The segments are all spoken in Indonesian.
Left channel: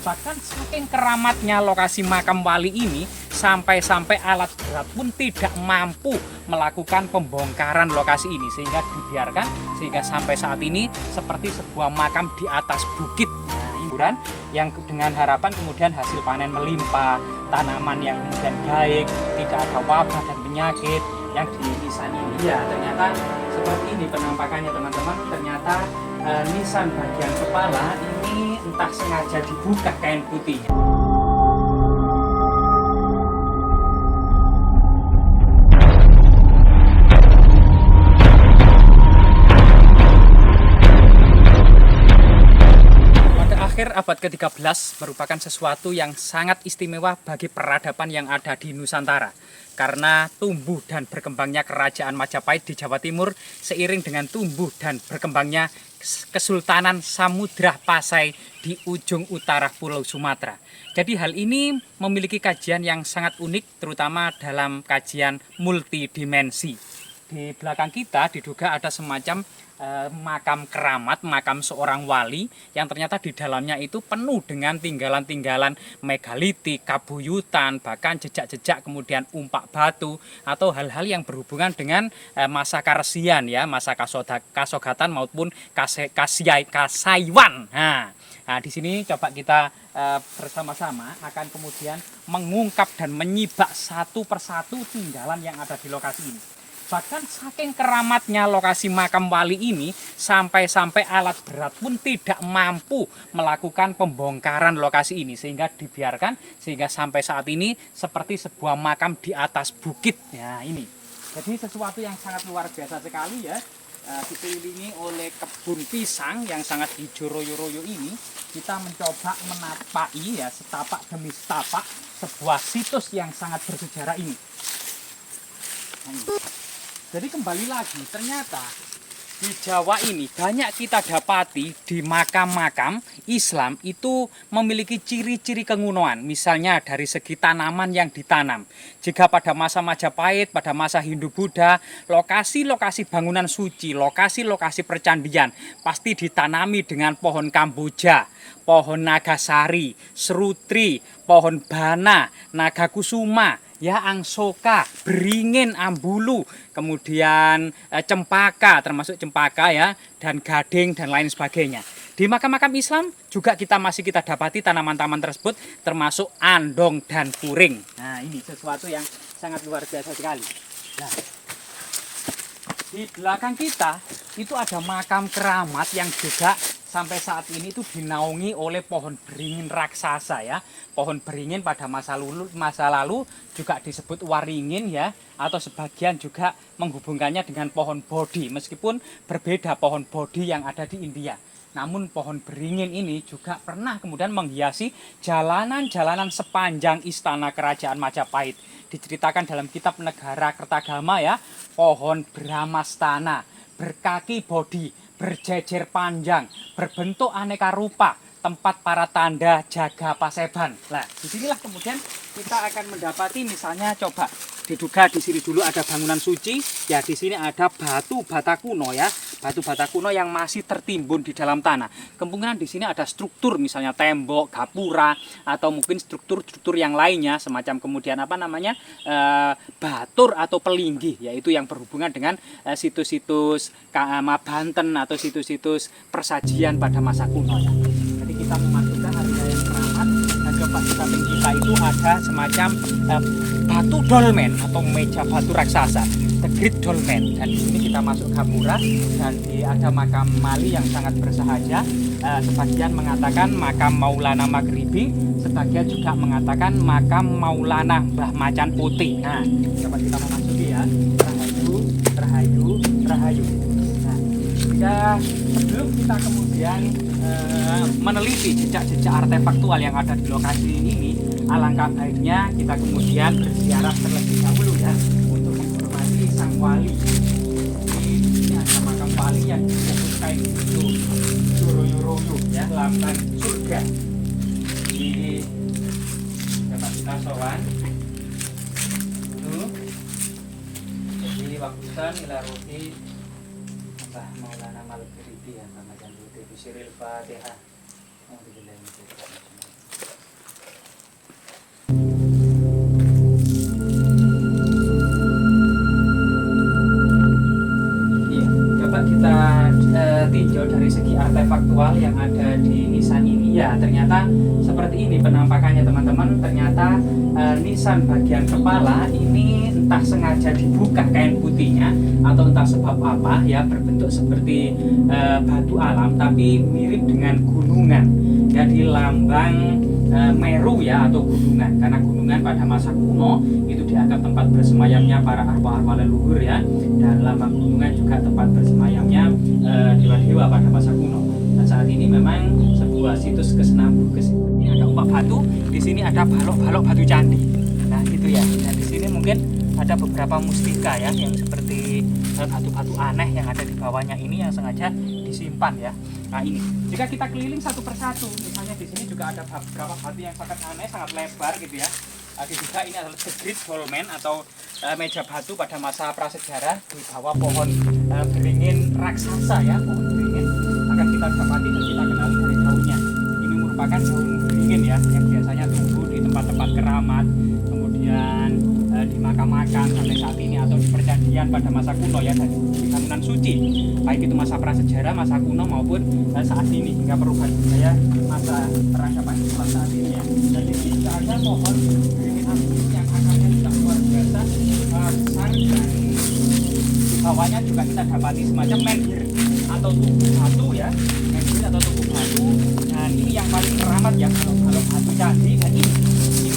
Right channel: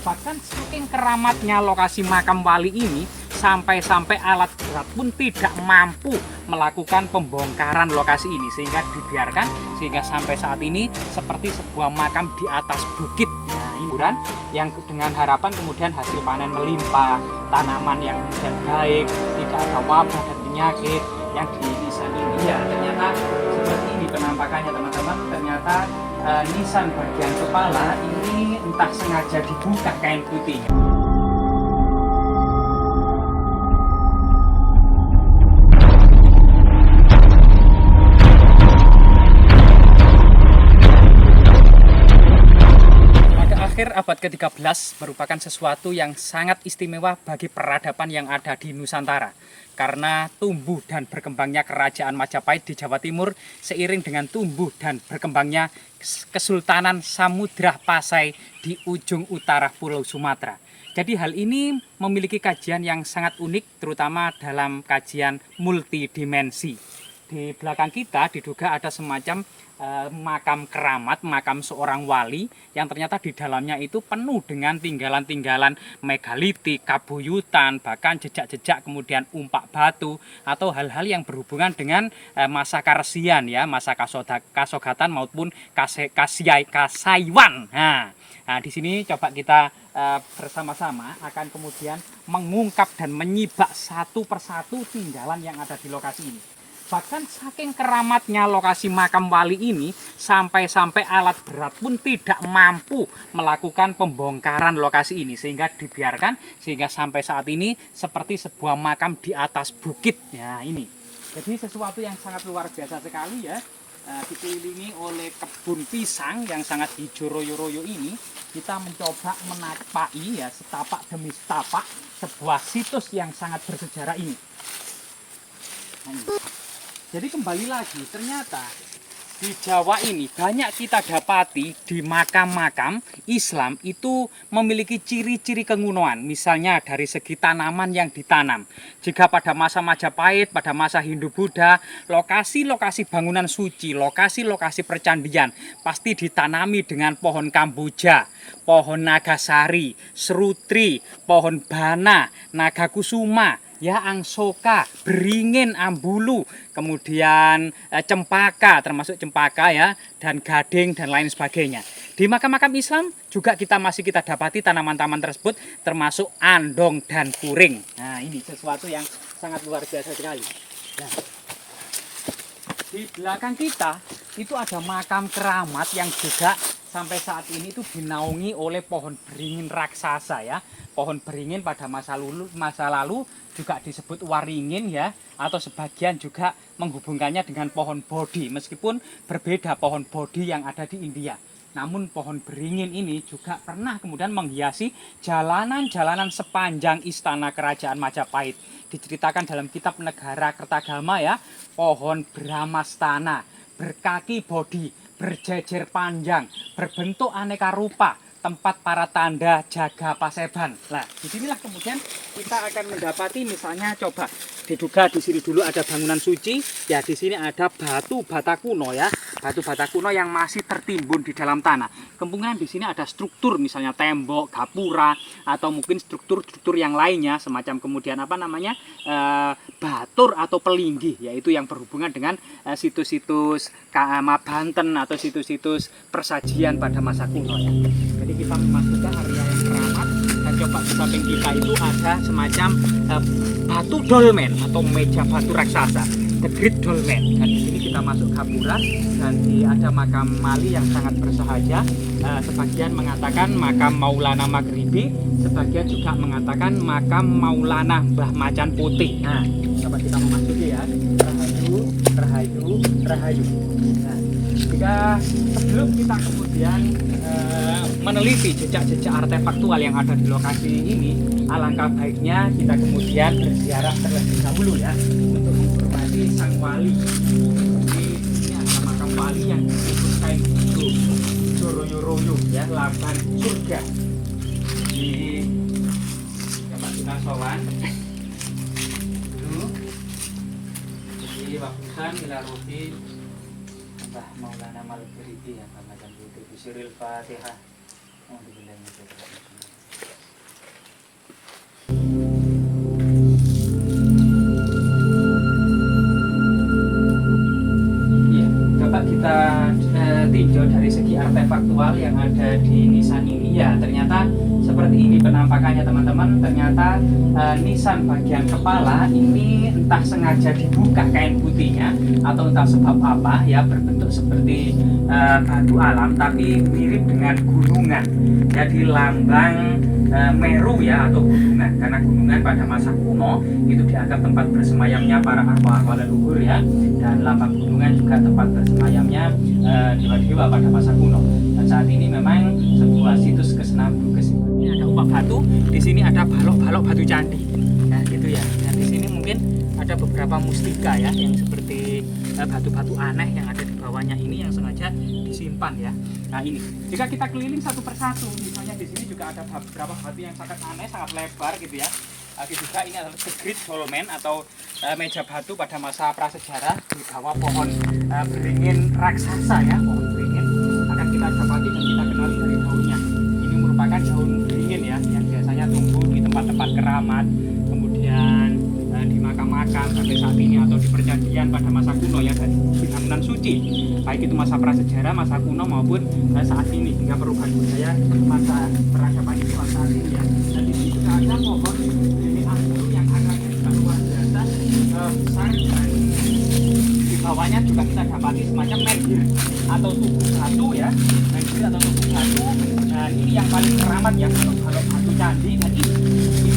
Bahkan saking keramatnya lokasi makam wali ini, sampai-sampai alat berat pun tidak mampu melakukan pembongkaran lokasi ini, sehingga dibiarkan sehingga sampai saat ini seperti sebuah makam di atas bukit. Nah, hiburan yang dengan harapan kemudian hasil panen melimpah, tanaman yang kemudian baik, tidak ada wabah dan penyakit yang nisan ini. Ya, ternyata seperti ini penampakannya teman-teman. Ternyata nisan bagian kepala ini entah sengaja dibuka kain putihnya. Abad ke-13 merupakan sesuatu yang sangat istimewa bagi peradaban yang ada di Nusantara, karena tumbuh dan berkembangnya kerajaan Majapahit di Jawa Timur seiring dengan tumbuh dan berkembangnya Kesultanan Samudra Pasai di ujung utara Pulau Sumatera. Jadi hal ini memiliki kajian yang sangat unik, terutama dalam kajian multidimensi. Di belakang kita diduga ada semacam makam keramat, makam seorang wali yang ternyata di dalamnya itu penuh dengan tinggalan-tinggalan megalitik, kabuyutan, bahkan jejak-jejak kemudian umpak batu atau hal-hal yang berhubungan dengan masa Karesian ya, masa Kasogatan maupun Kasaiwan. Nah, di sini coba kita bersama-sama akan kemudian mengungkap dan menyibak satu persatu tinggalan yang ada di lokasi ini. Bahkan saking keramatnya lokasi makam wali ini, sampai-sampai alat berat pun tidak mampu melakukan pembongkaran lokasi ini, sehingga dibiarkan sehingga sampai saat ini seperti sebuah makam di atas bukit. Ya, ini. Jadi sesuatu yang sangat luar biasa sekali ya. Dikelilingi oleh kebun pisang yang sangat hijau royo-royo ini, kita mencoba menapaki ya, setapak demi setapak sebuah situs yang sangat bersejarah ini. Jadi kembali lagi, ternyata di Jawa ini banyak kita dapati di makam-makam Islam itu memiliki ciri-ciri kekunoan. Misalnya dari segi tanaman yang ditanam. Jika pada masa Majapahit, pada masa Hindu-Buddha, lokasi-lokasi bangunan suci, lokasi-lokasi percandian pasti ditanami dengan pohon kamboja, pohon nagasari, serutri, pohon bana, naga kusuma, ya, angsoka, beringin, ambulu, kemudian cempaka, termasuk cempaka ya, dan gading dan lain sebagainya. Di makam-makam Islam juga kita dapati tanaman-tanaman tersebut, termasuk andong dan puring. Nah, ini sesuatu yang sangat luar biasa sekali. Nah, di belakang kita itu ada makam keramat yang juga sampai saat ini itu dinaungi oleh pohon beringin raksasa ya. Pohon beringin pada masa lalu juga disebut waringin ya, atau sebagian juga menghubungkannya dengan pohon bodhi, meskipun berbeda pohon bodhi yang ada di India. Namun pohon beringin ini juga pernah kemudian menghiasi jalanan-jalanan sepanjang istana kerajaan Majapahit. Diceritakan dalam kitab Negara Kertagama ya, pohon Brahmastana, berkaki bodhi, berjejer panjang, berbentuk aneka rupa, tempat para tanda jaga Paseban. Nah, disinilah kemudian kita akan mendapati misalnya coba diduga di sini dulu ada bangunan suci, ya di sini ada batu bata kuno ya, batu bata kuno yang masih tertimbun di dalam tanah. Kemungkinan di sini ada struktur misalnya tembok, gapura atau mungkin struktur-struktur yang lainnya semacam kemudian batur atau pelinggih, yaitu yang berhubungan dengan situs-situs Banten atau situs-situs persajian pada masa kuno ya. Jadi kita memasukkan area yang keramat dan coba di samping kita itu ada semacam batu dolmen atau meja batu raksasa, the Great Dolmen. Dan di sini kita masuk gapura dan ada makam Mali yang sangat bersahaja. Sebagian mengatakan makam Maulana Maghribi, sebagian juga mengatakan makam Maulana Mbah Macan Putih. Nah, coba kita memasuki ya. Rahayu, rahayu, rahayu. Nah, jika sebelum kita kemudian meneliti jejak-jejak artefaktual yang ada di lokasi ini, alangkah baiknya kita kemudian berziarah terlebih dahulu ya, untuk menghormati sang wali. Seperti ini ada makam wali yang disebut kain itu royo-royo ya, lambang surga. Di dapat kita sowan dulu. Jadi wabusan ilaruti Mbah Maulana Maghribi ya, Mbah Macan Putih, Bisyiril Fatihah. Iya, coba kita tinjau dari segi artefaktual yang ada di nisan ini. Ya, ternyata seperti ini penampakannya teman-teman. Ternyata nisan bagian kepala ini entah sengaja dibuka kain putihnya atau entah sebab apa ya, berbentuk seperti batu alam tapi mirip dengan gunungan. Jadi lambang Meru ya, atau gunungan, karena gunungan pada masa kuno itu dianggap tempat bersemayamnya para arwah-arwah leluhur ya, dan lambang gunungan juga tempat bersemayamnya dewa-dewa pada masa kuno. Dan saat ini memang sebuah situs kesenambung ini ada upak batu, di sini ada balok-balok batu candi. Nah gitu ya, dan di sini mungkin ada beberapa mustika ya, yang seperti batu-batu aneh yang ada di bawahnya ini yang sengaja disimpan ya. Nah ini, jika kita keliling satu persatu, misalnya di sini juga ada beberapa batu yang sangat aneh, sangat lebar gitu ya. Lagi juga ini adalah the great dolmen atau meja batu pada masa prasejarah di bawah pohon beringin raksasa ya, pohon beringin akan kita dapati dan kita kenali dari daunnya. Ini merupakan daun beringin ya, yang biasanya tumbuh di tempat-tempat keramat, kemudian di makam-makam sampai saat ini, atau di perjanjian pada masa kuno ya, dan di bangunan suci, baik itu masa prasejarah, masa kuno maupun saat ini hingga perubahan budaya masa peradaban Islam saat ini ya. Dan di sini juga ada pohon beringin anggur yang akarnya juga luar biasa besar, dan di bawahnya juga kita dapati semacam menhir atau tubuh batu ya, menhir atau tubuh batu. Dan ini yang paling keramat ya, kalau batu candi. Dan ini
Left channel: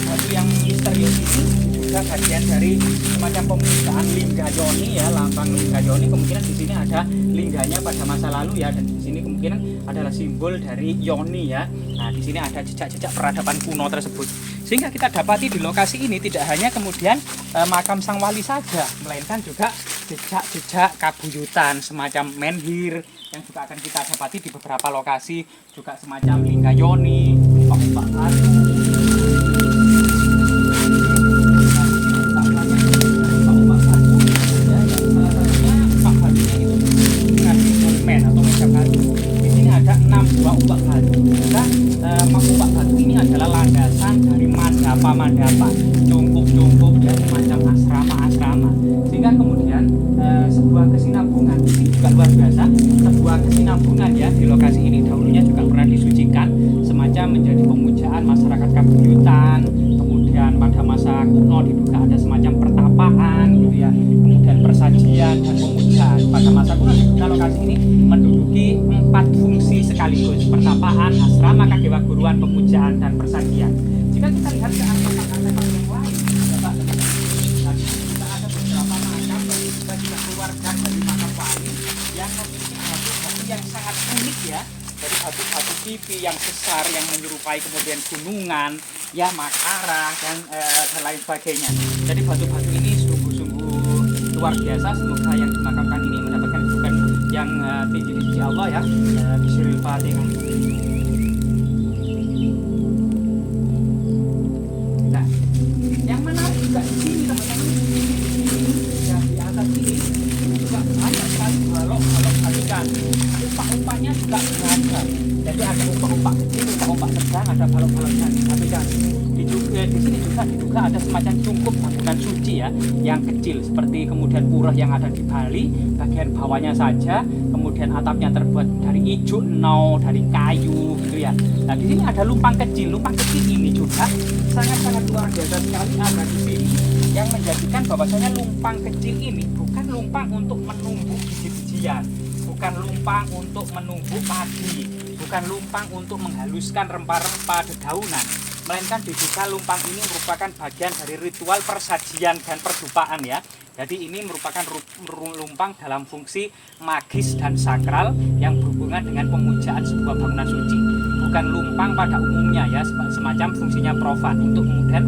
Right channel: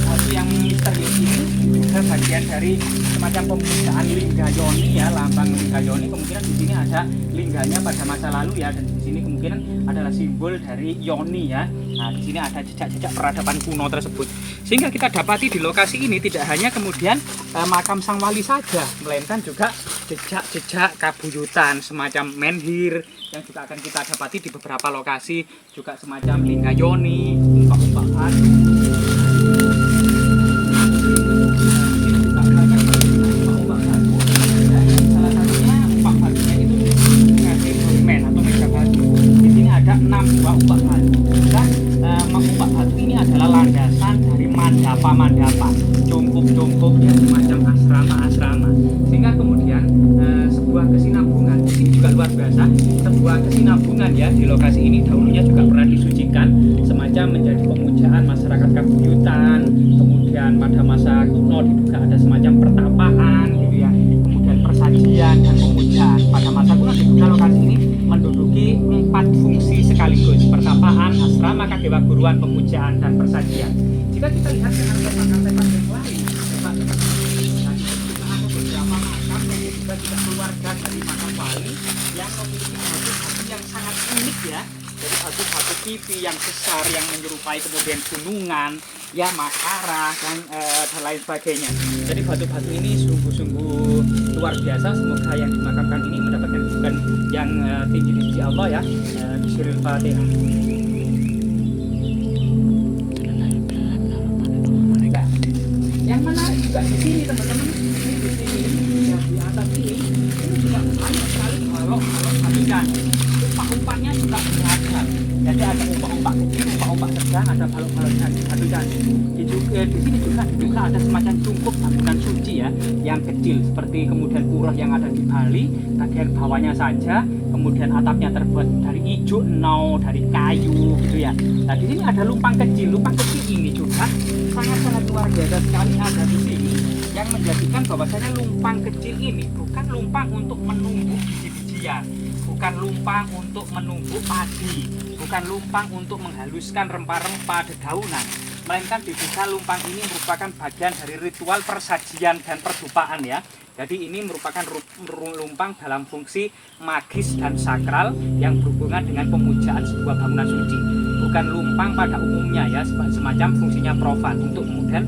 batu yang misterius ini bagian dari semacam pemujaan Linggayoni ya, lambang Linggayoni. Kemungkinan di sini ada lingganya pada masa lalu ya, dan di sini kemungkinan adalah simbol dari Yoni ya. Nah, di sini ada jejak-jejak peradaban kuno tersebut. Sehingga kita dapati di lokasi ini tidak hanya kemudian makam sang wali saja, melainkan juga jejak-jejak kabuyutan semacam menhir yang juga akan kita dapati di beberapa lokasi, juga semacam Linggayoni, upak-upak batu. Atau meja batu. Di sini ada 6 buah upak batu. Nah, upak batu ini adalah landasan dari mandapa, cungkup ya, semacam asrama. Sehingga kemudian sebuah kesinambungan ini juga luar biasa. Sebuah kesinambungan ya di lokasi ini dahulunya juga pernah disucikan, semacam menjadi pemujaan masyarakat kabuyutan. Kemudian pada masa kuno diduga ada semacam pertapaan gitu ya. Kemudian persajian dan pemujaan. Pada masa kuno diduga lokasi ini menduduki 4 fungsi sekaligus: pertapaan, asrama, kadewaguruan, pemujaan, dan persajian. Jika kita lihat ke artefak-artefak yang lain, tadi juga ada beberapa makam yang juga keluarga dari makam wali yang memiliki batu-batu yang sangat unik ya. Jadi batu-batu kipi yang besar yang menyerupai kemudian gunungan, ya makara dan lain sebagainya. Jadi batu-batu ini sungguh-sungguh luar biasa. Semoga yang dimakamkan ini mendapatkan kedudukan yang tinggi di sisi Allah ya. Bismillahirrahmanirrahim. Fatihah. Nah, yang menarik juga di sini teman-teman, di sini ya, di atas ini juga banyak sekali balok-balok batikan. Umpak-umpaknya juga beragam. Jadi ada umpak-umpak kecil, umpak-umpak sedang, ada balok-balok batu candi. Di sini juga diduga ada semacam cungkup bangunan suci ya, yang kecil seperti kemudian pura yang ada di Bali, bagian bawahnya saja, kemudian atapnya terbuat dari ijuk, dari kayu gitu ya. Nah di sini ada lumpang kecil ini juga sangat-sangat luar biasa sekali ada di sini, yang menjadikan bahwasanya lumpang kecil ini bukan lumpang untuk menumbuk biji-bijian, bukan lumpang untuk menumbuk padi, bukan lumpang untuk menghaluskan rempah-rempah dedaunan, melainkan diduga lumpang ini merupakan bagian dari ritual persajian dan perdupaan ya. Jadi ini merupakan lumpang dalam fungsi magis dan sakral yang berhubungan dengan pemujaan sebuah bangunan suci. Bukan lumpang pada umumnya ya, semacam fungsinya profan untuk kemudian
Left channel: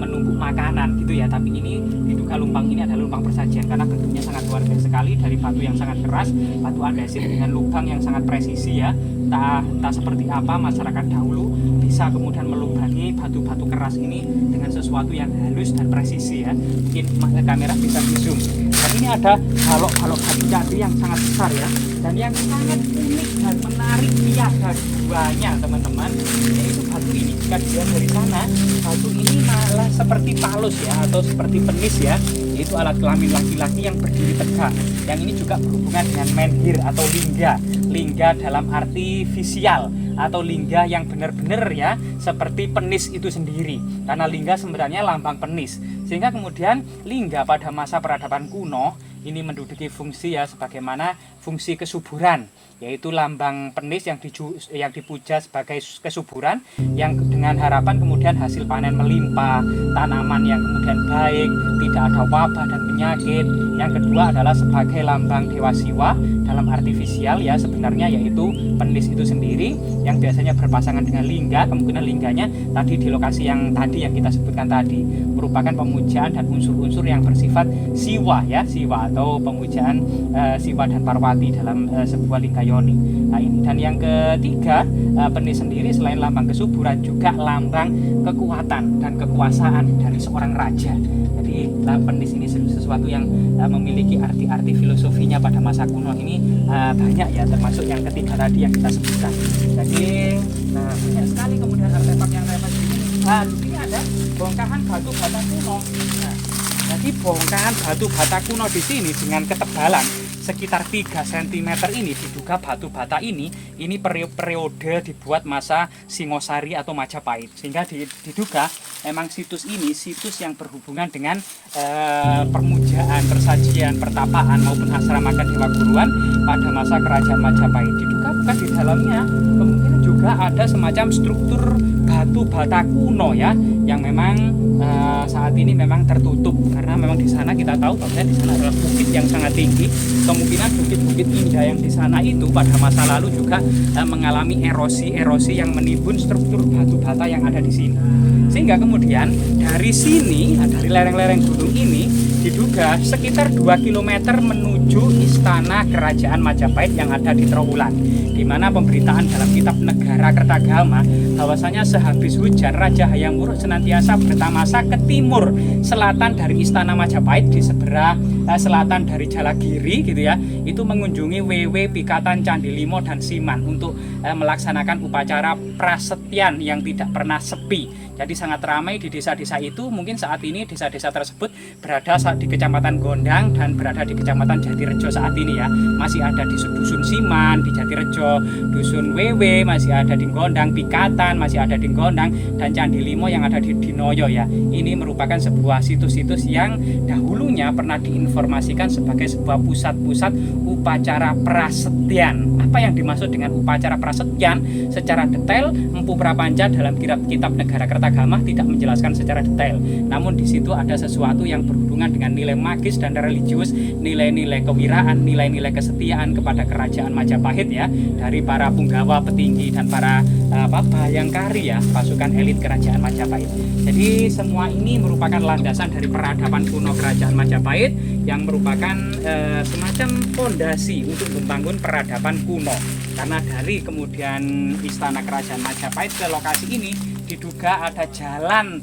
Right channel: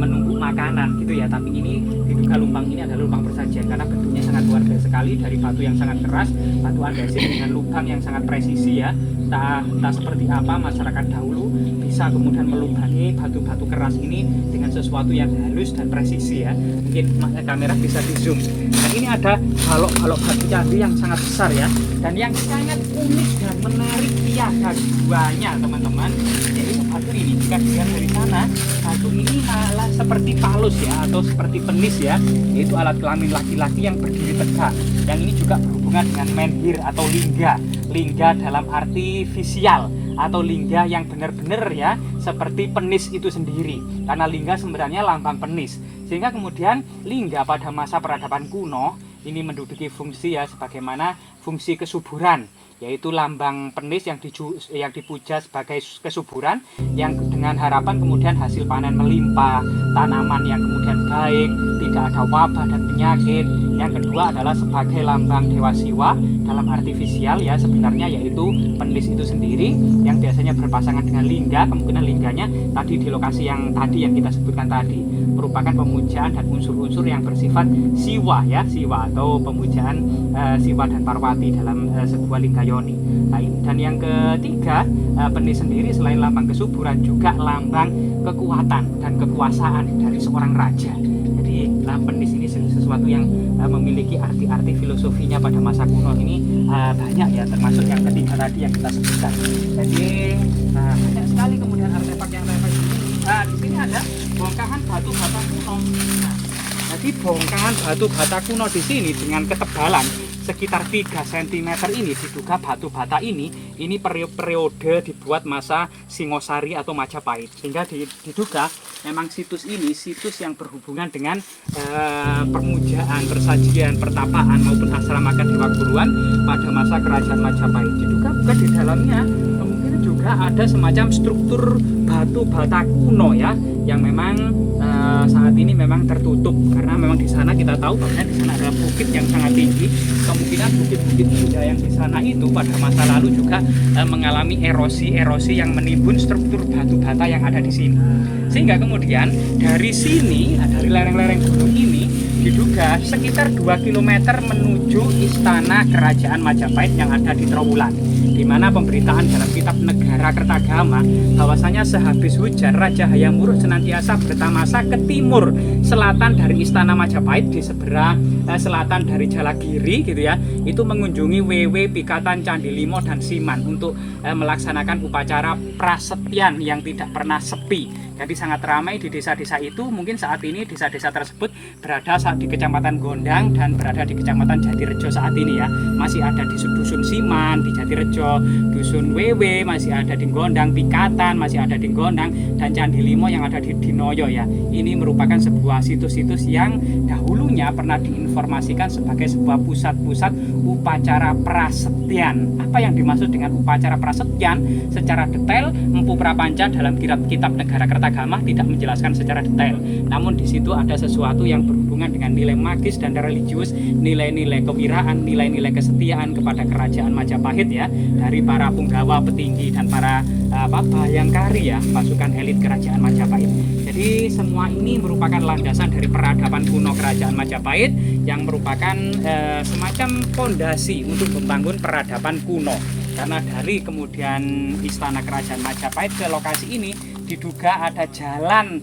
menumbuk makanan gitu ya. Tapi ini diduga lumpang ini adalah lumpang persajian karena bentuknya sangat luar biasa sekali, dari batu yang sangat keras, batu andesit dengan lubang yang sangat presisi ya. Entah seperti apa masyarakat dahulu bisa kemudian melubangi batu-batu keras ini dengan sesuatu yang halus dan presisi ya. Mungkin kamera bisa di zoom. Dan ini ada balok-balok batu candi yang sangat besar ya, dan yang sangat unik dan menarik tiada duanya teman-teman, yaitu batu ini. Jika ketika dilihat dari sana, batu ini malah seperti palus ya, atau seperti penis ya, yaitu alat kelamin laki-laki yang berdiri tegak. Yang ini juga berhubungan dengan menhir atau lingga. Lingga dalam arti visual atau lingga yang benar-benar ya, seperti penis itu sendiri. Karena lingga sebenarnya lambang penis. Sehingga kemudian lingga pada masa peradaban kuno ini menduduki fungsi ya sebagaimana fungsi kesuburan, yaitu lambang penis yang dipuja sebagai kesuburan, yang dengan harapan kemudian hasil panen melimpah, tanaman yang kemudian baik, tidak ada wabah dan penyakit. Yang kedua adalah sebagai lambang dewa Siwa dalam artifisial ya, sebenarnya yaitu penis itu sendiri yang biasanya berpasangan dengan lingga. Kemungkinan lingganya tadi di lokasi yang tadi yang kita sebutkan tadi merupakan pemujaan dan unsur-unsur yang bersifat Siwa ya, Siwa atau pemujaan Siwa dan Parwati dalam sebuah lingga yoni. Nah, dan yang ketiga, penis sendiri selain lambang kesuburan juga lambang kekuatan dan kekuasaan dari seorang raja. Jadi penis ini sesuatu yang memiliki arti-arti filosofinya pada masa kuno ini banyak ya, termasuk yang ketiga tadi yang kita sebutkan. Jadi banyak sekali kemudian artefak yang di sini. Nah, di sini ada bongkahan batu bata kuno. Nah, jadi bongkahan batu bata kuno di sini dengan ketebalan sekitar 3 cm ini diduga batu bata ini periode dibuat masa Singosari atau Majapahit, sehingga diduga memang situs ini situs yang berhubungan dengan permujaan, persajian, pertapaan maupun asrama Dewa Guruan pada masa kerajaan Majapahit. Diduga bukan di dalamnya kemungkinan juga ada semacam struktur batu bata kuno ya, yang memang saat ini memang tertutup karena memang di sana kita tahu bahwa di sana ada bukit yang sangat tinggi. Kemungkinan bukit-bukit indah yang di sana itu pada masa lalu juga mengalami erosi yang menimbun struktur batu bata yang ada di sini. Sehingga kemudian dari sini, dari lereng-lereng gunung ini diduga sekitar 2 km menuju istana kerajaan Majapahit yang ada di Trowulan, di mana pemberitaan dalam kitab Negara Kertagama bahwasanya sehabis hujan Raja Hayam Wuruk senantiasa bertamasa ke timur selatan dari istana Majapahit di seberang selatan dari Jalagiri gitu ya, itu mengunjungi Wewe, Pikatan, Candi Limo dan Siman untuk melaksanakan upacara prasetyan yang tidak pernah sepi. Jadi sangat ramai di desa-desa itu. Mungkin saat ini desa-desa tersebut berada di Kecamatan Gondang dan berada di Kecamatan Jatirejo saat ini ya. Masih ada di Dusun Siman, di Jatirejo, Dusun Wewe masih ada di Gondang, Pikatan masih ada di Gondang, dan Candi Limo yang ada di Dinoyo ya. Ini merupakan sebuah situs-situs yang dahulunya pernah diinformasikan sebagai sebuah pusat-pusat upacara prasetyan. Apa yang dimaksud dengan upacara prasetyan secara detail Empu Prapanca dalam kitab Negara Kertagama tidak menjelaskan secara detail. Namun di situ ada sesuatu yang berhubungan dengan nilai magis dan religius, nilai-nilai kewiraan, nilai-nilai kesetiaan kepada kerajaan Majapahit ya, dari para punggawa, petinggi dan para bayangkari ya, pasukan elit kerajaan Majapahit. Jadi semua ini merupakan landasan dari peradaban kuno kerajaan Majapahit yang merupakan semacam fondasi untuk membangun peradaban kuno. Karena dari kemudian istana kerajaan Majapahit ke lokasi ini diduga ada jalan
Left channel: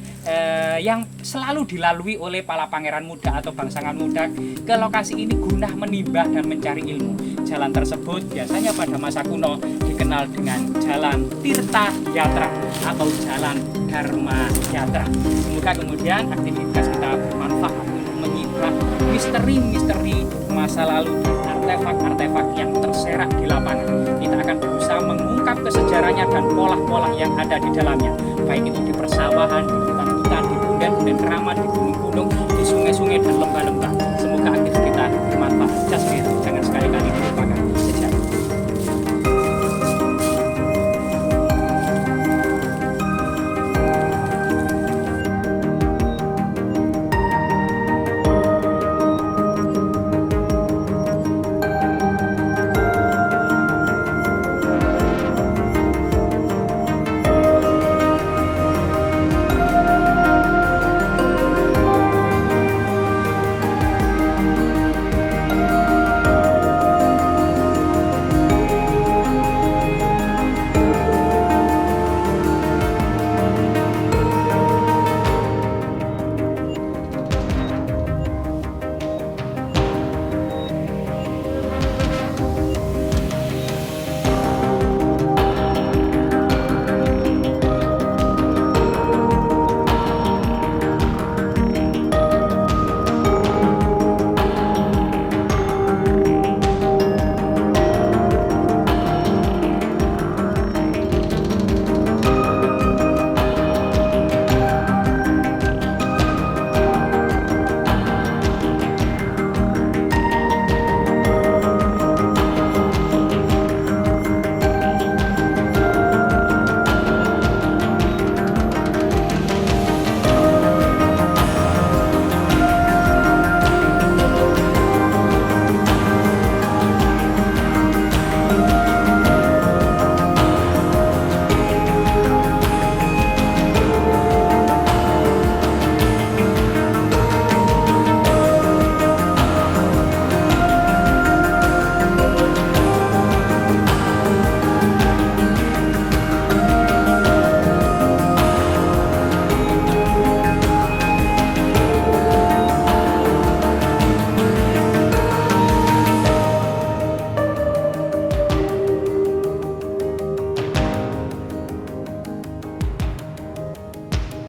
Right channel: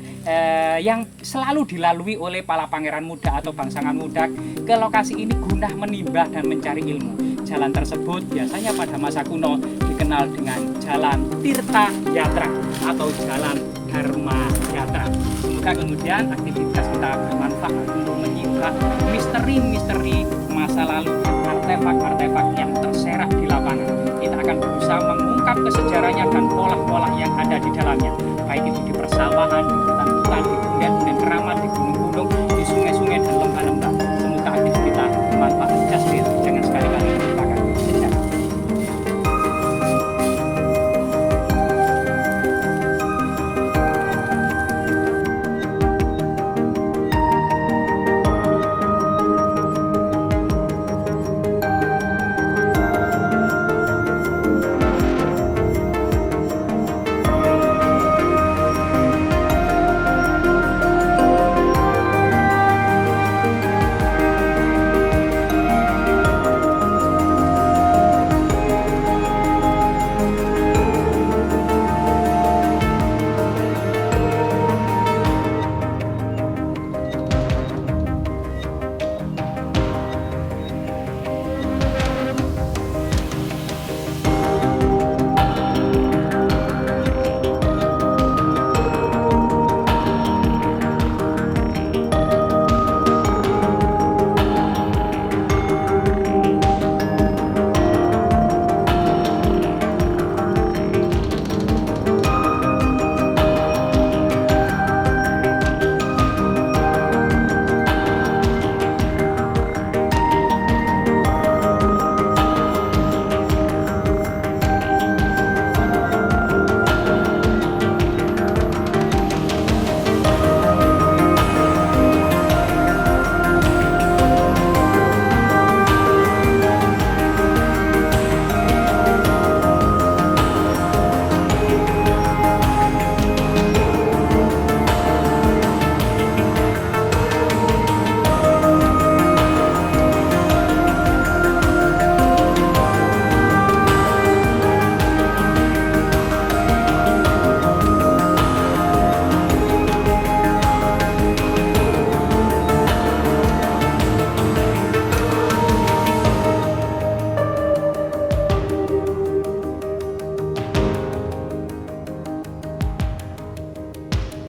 yang selalu dilalui oleh para pangeran muda atau bangsawan muda ke lokasi ini guna menimba dan mencari ilmu. Jalan tersebut biasanya pada masa kuno dikenal dengan Jalan Tirta Yatra atau Jalan Dharma Yatra. Semoga kemudian aktivitas kita bermanfaat untuk menyibak misteri-misteri masa lalu, artefak-artefak yang terserak di lapangan. Kita akan berusaha mengungkap kesejarahnya dan pola-pola yang ada di dalamnya, baik itu di persawahan, di hutan-hutan, di bundar-bundar keramat, di gunung-gunung, di sungai-sungai dan lembah-lembah.